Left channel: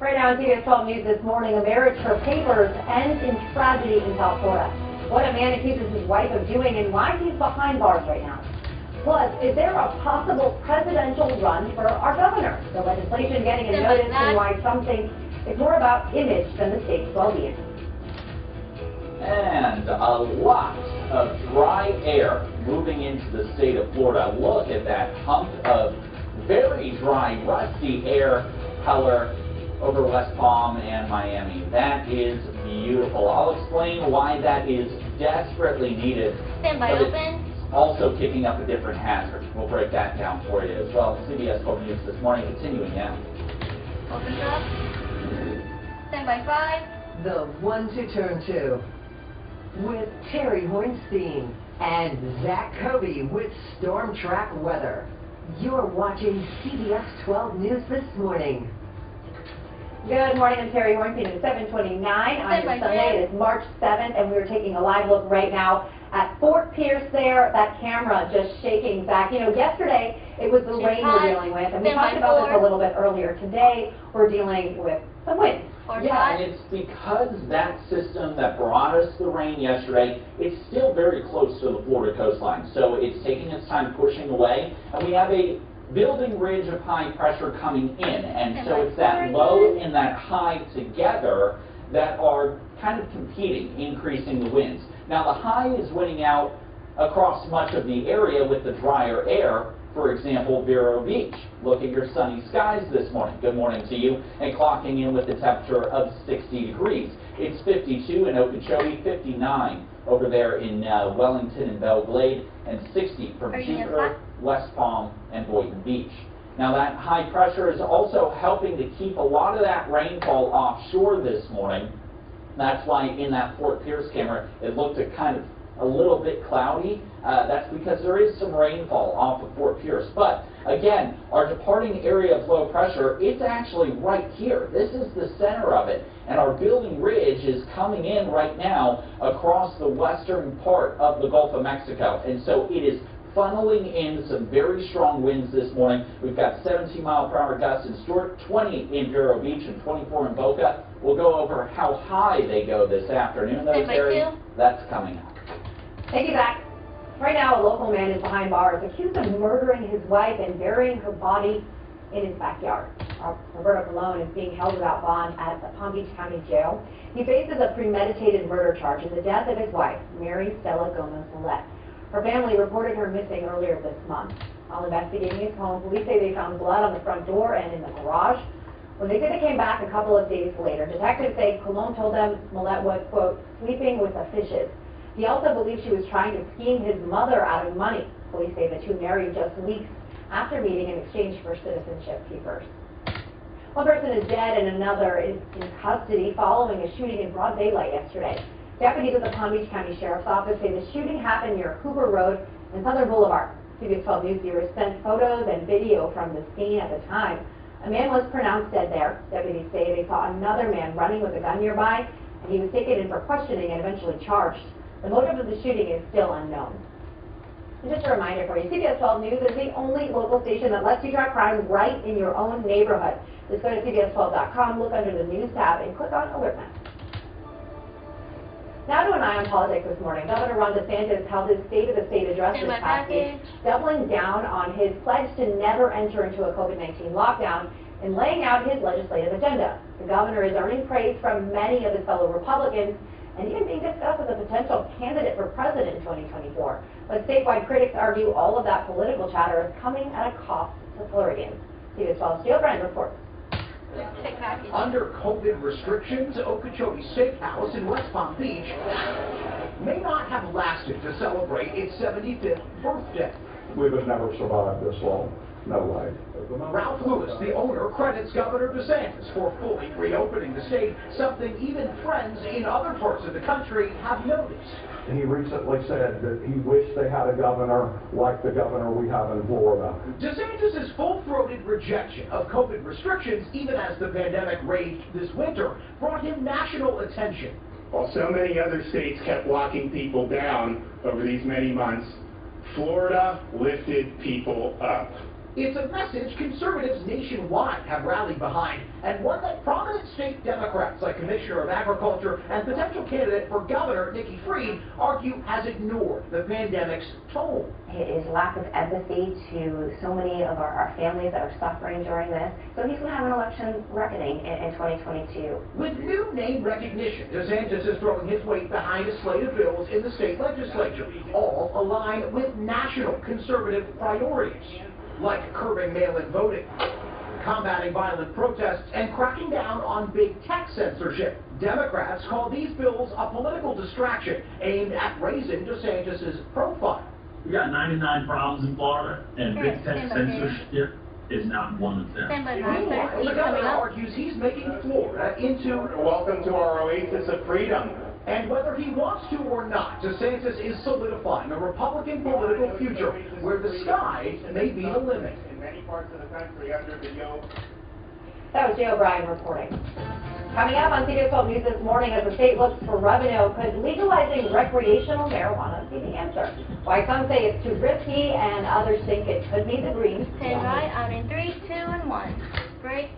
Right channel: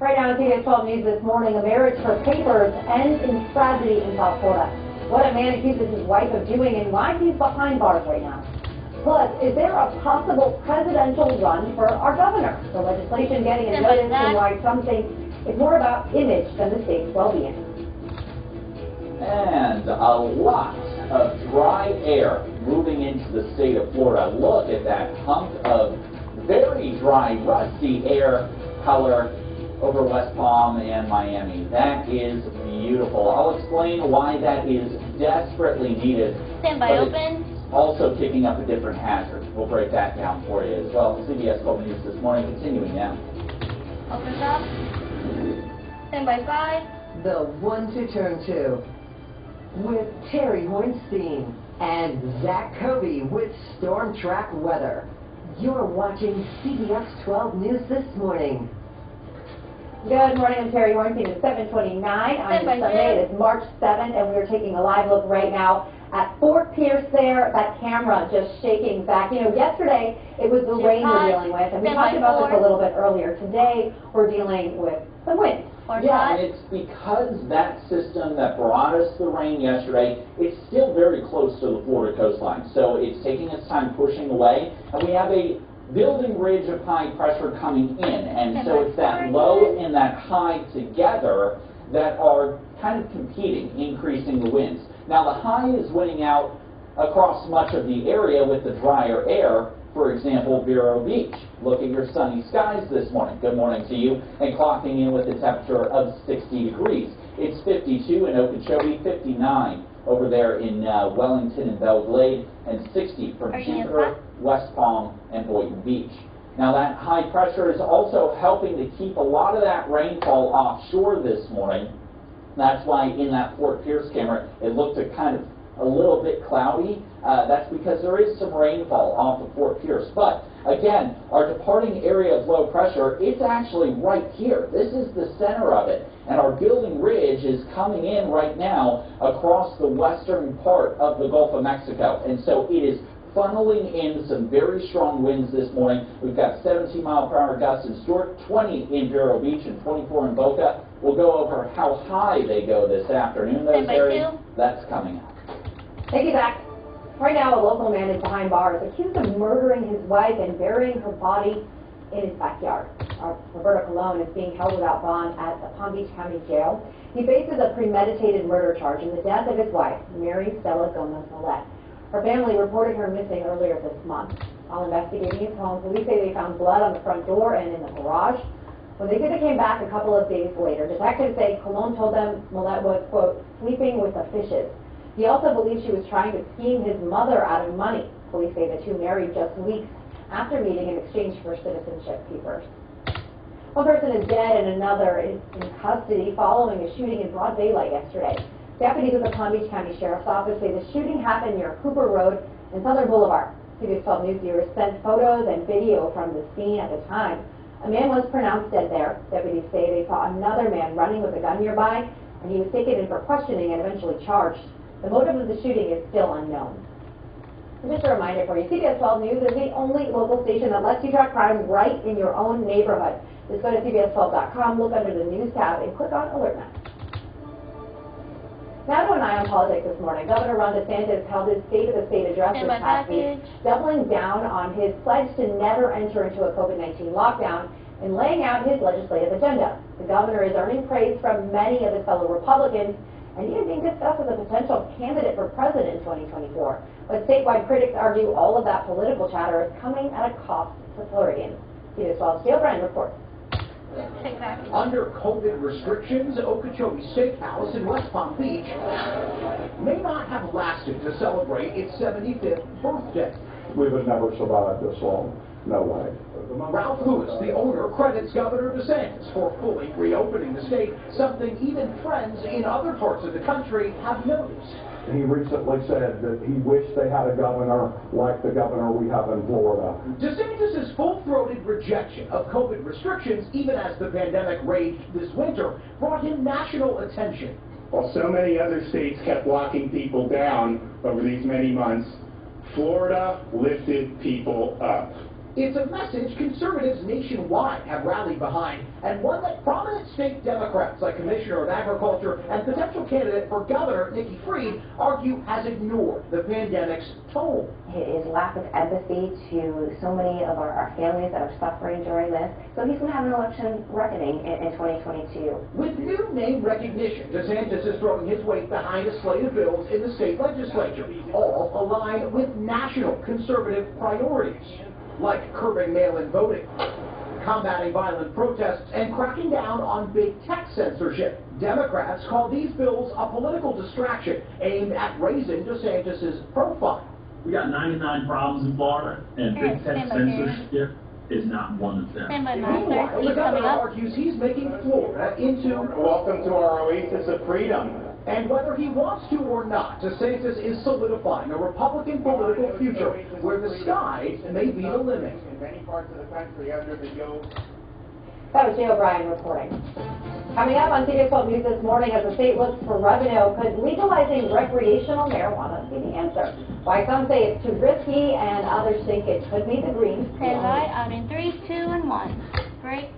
Right now on CBS 12 News this morning, a marriage for papers ends in tragedy in South Florida. What a man accuses his wife of doing and why he's behind bars right now. Plus, is there a possible presidential run for our governor? The legislation getting a notice and why some think it's more about image than the state's well-being. And a lot of dry air moving into the state of Florida. Look at that hunk of very dry, rusty air color over West Palm and Miami. That is beautiful. I'll explain why that is desperately needed. Standby open. Also kicking up a different hazard. We'll break that down for you as well. CBS 12 News this morning, continuing now. Open up. Standby 5. The one to turn to with Terry Hornstein and Zach Kobe with Storm Track Weather. You're watching CBS 12 News this morning. Good morning, I'm Terry Hornstein at 7:29 on this Sunday. It is March 7th, and we're taking a live look right now at Fort Pierce there. That camera just shaking back. You know, yesterday it was the rain we're dealing with, and we talked about this a little bit earlier. Today we're dealing with some wind. Yeah, and it's because that system that brought us the rain yesterday, it's still very close to the Florida coastline. So it's taking its time pushing away, and we have a building ridge of high pressure coming in, and so it's that low and that high together that are kind of competing, increasing the winds. Now the high is winning out across much of the area with the drier air. For example, Vero Beach. Look at your sunny skies this morning. Good morning to you. And clocking in with a temperature of 60 degrees. It's 52 in Okeechobee, 59 over there in Wellington and Belle Glade, and 60 from Jupiter, West Palm, and Boynton Beach. Now that high pressure is also helping to keep a lot of that rainfall offshore this morning. That's why in that Fort Pierce camera it looked a little bit cloudy. That's because there is some rainfall off of Fort Pierce. But again, our departing area of low pressure, it's actually right here. This is the center of it. And our building ridge is coming in right now across the western part of the Gulf of Mexico. And so it is funneling in some very strong winds this morning. We've got 17-mile-per-hour gusts in Stewart, 20 in Vero Beach, and 24 in Boca. We'll go over how high they go this afternoon. Those areas, that's coming up. Thank you, Zach. Right now, a local man is behind bars, accused of murdering his wife and burying her body in his backyard. Roberto Colon is being held without bond at the Palm Beach County Jail. He faces a premeditated murder charge in the death of his wife, Mary Stella Gomez-Millette. Her family reported her missing earlier this month. While investigating his home, police say they found blood on the front door and in the garage. When they said they came back a couple of days later, detectives say Colon told them Millette was, quote, sleeping with the fishes. He also believes she was trying to scheme his mother out of money. Police say the two married just weeks after meeting in exchange for citizenship papers. One person is dead and another is in custody following a shooting in broad daylight yesterday. Deputies at the Palm Beach County Sheriff's Office say the shooting happened near Cooper Road and Southern Boulevard. CBS 12 News viewers sent photos and video from the scene at the time. A man was pronounced dead there. Deputies say they saw another man running with a gun nearby, and he was taken in for questioning and eventually charged. The motive of the shooting is still unknown. And just a reminder for you, CBS 12 News is the only local station that lets you track crime right in your own neighborhood. Just go to CBS12.com, look under the News tab, and click on Alert Map. Now to an eye on politics this morning. Governor Ron DeSantis held his State of the State address this past week, doubling down on his pledge to never enter into a COVID-19 lockdown and laying out his legislative agenda. The governor is earning praise from many of his fellow Republicans and even being discussed as a potential candidate for president in 2024. But statewide critics argue all of that political chatter is coming at a cost to Floridians. CBS 12's Jill Brand reports. Under COVID restrictions, Okeechobee Steakhouse in West Palm Beach may not have lasted to celebrate its 75th birthday. We would never survive this long. No way. Ralph Lewis, the owner, credits Governor DeSantis for fully reopening the state, something even friends in other parts of the country have noticed. He recently said that he wished they had a governor like the governor we have in Florida. DeSantis' full-throated rejection of COVID restrictions, even as the pandemic raged this winter, brought him national attention. While so many other states kept locking people down over these many months, Florida lifted people up. It's a message conservatives nationwide have rallied behind, and one that prominent state Democrats like Commissioner of Agriculture and potential candidate for governor Nikki Fried argue has ignored the pandemic's toll. It is lack of empathy to so many of our families that are suffering during this. So he's going to have an election reckoning in 2022. With new name recognition, DeSantis is throwing his weight behind a slate of bills in the state legislature, all aligned with national conservative priorities, like curbing mail-in voting, combating violent protests, and cracking down on big tech censorship. Democrats call these bills a political distraction aimed at raising DeSantis' profile. We got 99 problems in Florida, and big tech censorship is not one of them. Meanwhile, the governor argues he's making Florida into Welcome to our oasis of freedom. And whether he wants to or not, DeSantis is solidifying a Republican political future where the sky may be the limit. In many parts of the country under the yoke. That was Jay O'Brien reporting. Coming up on CBS 12 News this morning, as the state looks for revenue, could legalizing recreational marijuana be the answer? Why some say it's too risky and others think it could be the green. Stand by, out in 3, 2, and 1. Break.